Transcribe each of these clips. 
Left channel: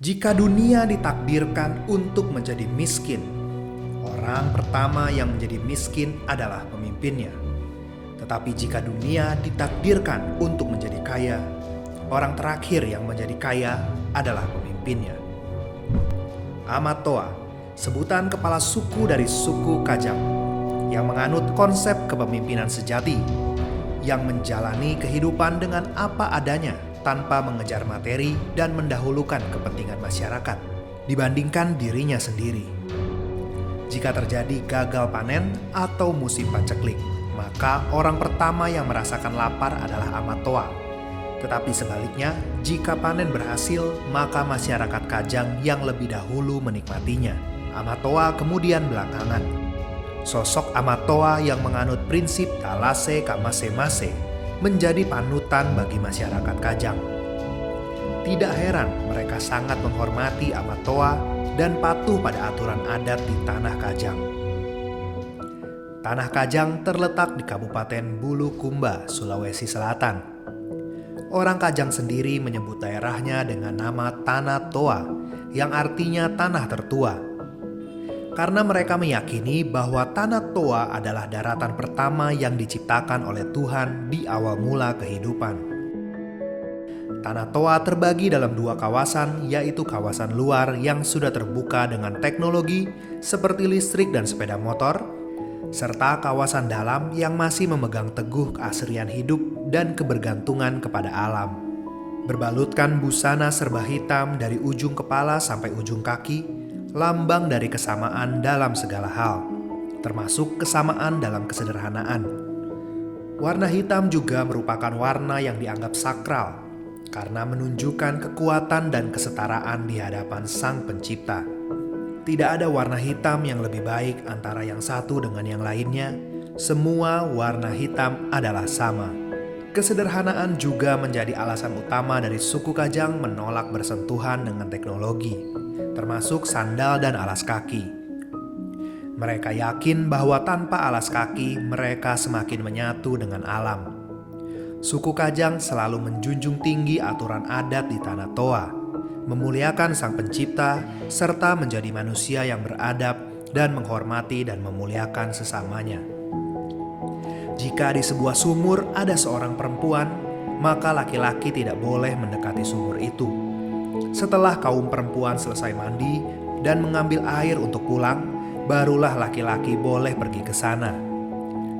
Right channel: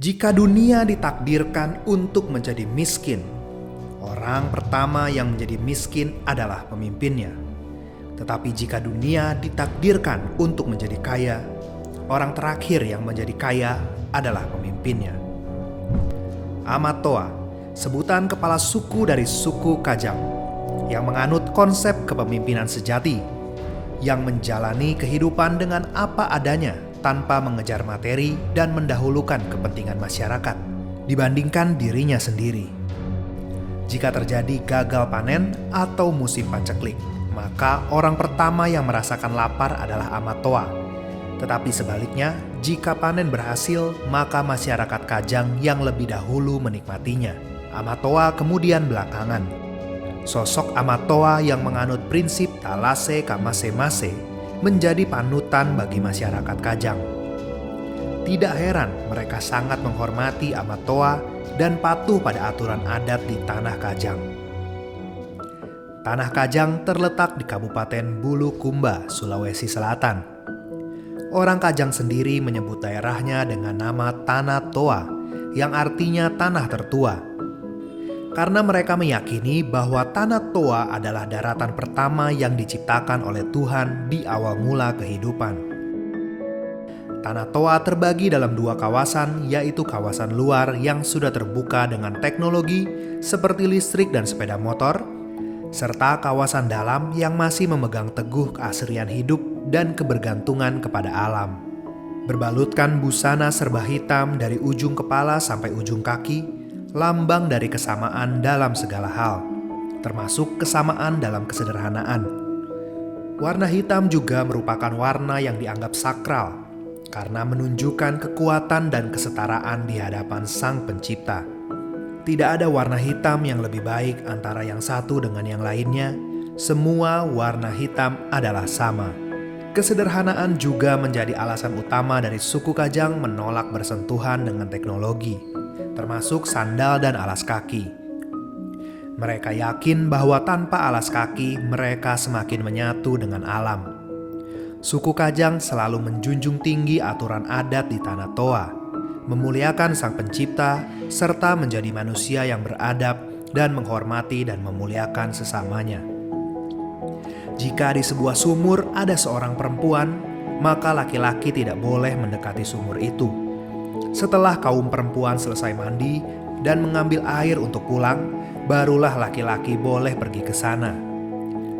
Jika dunia ditakdirkan untuk menjadi miskin, orang pertama yang menjadi miskin adalah pemimpinnya. Tetapi jika dunia ditakdirkan untuk menjadi kaya, orang terakhir yang menjadi kaya adalah pemimpinnya. Amat-Toa, sebutan kepala suku dari suku Kajang, yang menganut konsep kepemimpinan sejati, yang menjalani kehidupan dengan apa adanya tanpa mengejar materi dan mendahulukan kepentingan masyarakat dibandingkan dirinya sendiri. Jika terjadi gagal panen atau musim paceklik, maka orang pertama yang merasakan lapar adalah Amat-Toa. Tetapi sebaliknya, jika panen berhasil, maka masyarakat Kajang yang lebih dahulu menikmatinya. Amat-Toa kemudian belakangan. Sosok Amat-Toa yang menganut prinsip Talase Kamase-Mase menjadi panutan bagi masyarakat Kajang. Tidak heran mereka sangat menghormati Amat-Toa dan patuh pada aturan adat di Tanah Kajang. Tanah Kajang terletak di Kabupaten Bulukumba, Sulawesi Selatan. Orang Kajang sendiri menyebut daerahnya dengan nama Tanah Toa, yang artinya tanah tertua. Karena mereka meyakini bahwa Tanah Toa adalah daratan pertama yang diciptakan oleh Tuhan di awal mula kehidupan. Tanah Toa terbagi dalam dua kawasan, yaitu kawasan luar yang sudah terbuka dengan teknologi seperti listrik dan sepeda motor, serta kawasan dalam yang masih memegang teguh keasrian hidup dan kebergantungan kepada alam. Berbalutkan busana serba hitam dari ujung kepala sampai ujung kaki, lambang dari kesamaan dalam segala hal, termasuk kesamaan dalam kesederhanaan. Warna hitam juga merupakan warna yang dianggap sakral, karena menunjukkan kekuatan dan kesetaraan di hadapan Sang Pencipta. Tidak ada warna hitam yang lebih baik antara yang satu dengan yang lainnya. Semua warna hitam adalah sama. Kesederhanaan juga menjadi alasan utama dari suku Kajang menolak bersentuhan dengan teknologi, termasuk sandal dan alas kaki. Mereka yakin bahwa tanpa alas kaki, mereka semakin menyatu dengan alam. Suku Kajang selalu menjunjung tinggi aturan adat di Tanah Toa, memuliakan Sang Pencipta, serta menjadi manusia yang beradab dan menghormati dan memuliakan sesamanya. Jika di sebuah sumur ada seorang perempuan, maka laki-laki tidak boleh mendekati sumur itu. Setelah kaum perempuan selesai mandi dan mengambil air untuk pulang, barulah laki-laki boleh pergi ke sana.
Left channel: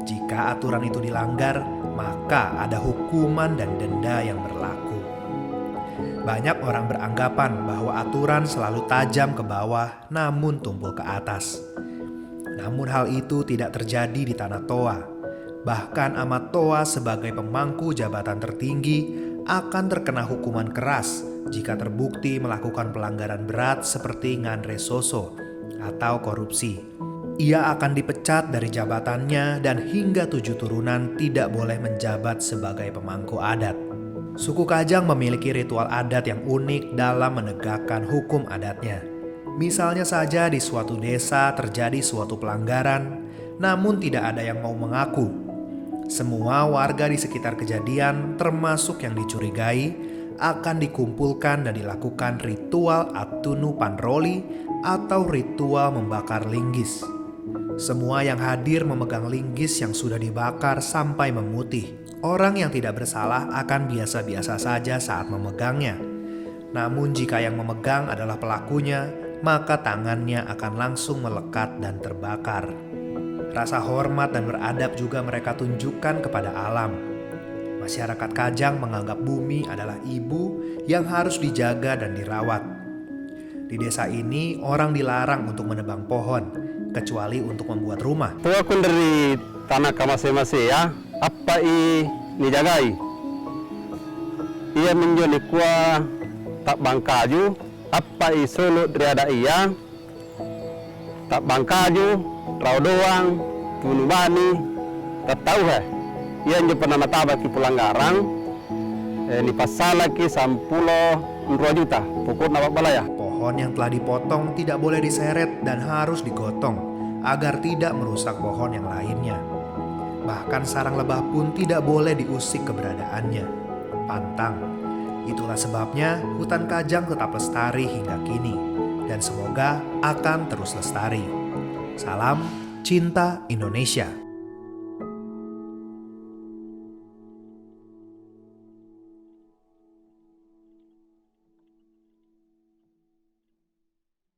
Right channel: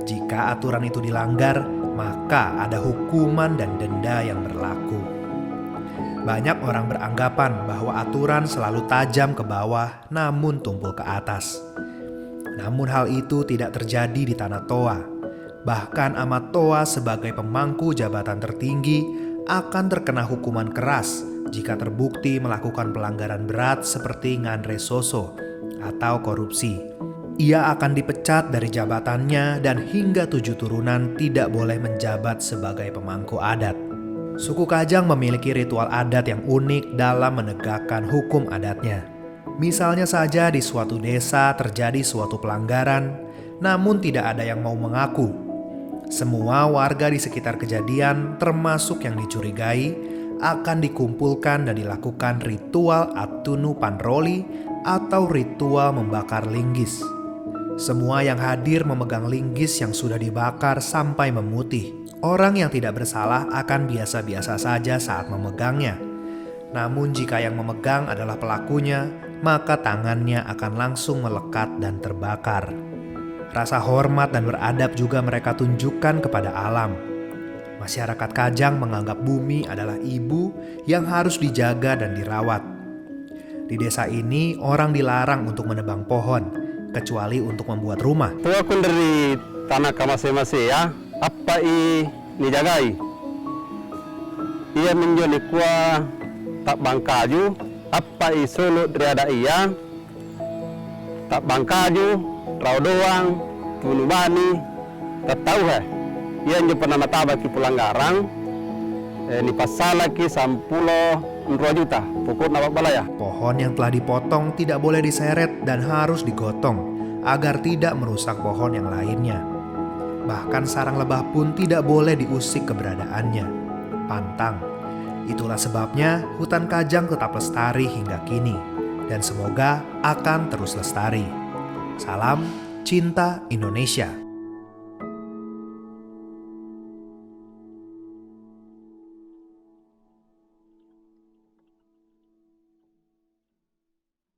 Jika aturan itu dilanggar, maka ada hukuman dan denda yang berlaku. Banyak orang beranggapan bahwa aturan selalu tajam ke bawah namun tumpul ke atas. Namun hal itu tidak terjadi di Tanah Toa. Bahkan Amat-Toa sebagai pemangku jabatan tertinggi akan terkena hukuman keras jika terbukti melakukan pelanggaran berat seperti ngandre soso atau korupsi. Ia akan dipecat dari jabatannya dan hingga 7 turunan tidak boleh menjabat sebagai pemangku adat. Suku Kajang memiliki ritual adat yang unik dalam menegakkan hukum adatnya. Misalnya saja di suatu desa terjadi suatu pelanggaran, namun tidak ada yang mau mengaku. Semua warga di sekitar kejadian, termasuk yang dicurigai, akan dikumpulkan dan dilakukan ritual Atunu Panroli atau ritual membakar linggis. Semua yang hadir memegang linggis yang sudah dibakar sampai memutih. Orang yang tidak bersalah akan biasa-biasa saja saat memegangnya. Namun jika yang memegang adalah pelakunya, maka tangannya akan langsung melekat dan terbakar. Rasa hormat dan beradab juga mereka tunjukkan kepada alam. Masyarakat Kajang menganggap bumi adalah ibu yang harus dijaga dan dirawat. Di desa ini, orang dilarang untuk menebang pohon, kecuali untuk membuat rumah. Tua kun dari tanah kamase-mase ya, apa nijagai? Ia menjadi kuah tak bangkaju, apa solo dari iya, tak bangkaju. Rau doang, bunuh bani, tak tahu ia nyo pernah nataba ki pelanggaran, ni pasal ki 10 juta, pokok nama balaya. Pohon yang telah dipotong tidak boleh diseret dan harus digotong agar tidak merusak pohon yang lainnya. Bahkan sarang lebah pun tidak boleh diusik keberadaannya. Pantang. Itulah sebabnya hutan Kajang tetap lestari hingga kini dan semoga akan terus lestari. Salam Cinta Indonesia.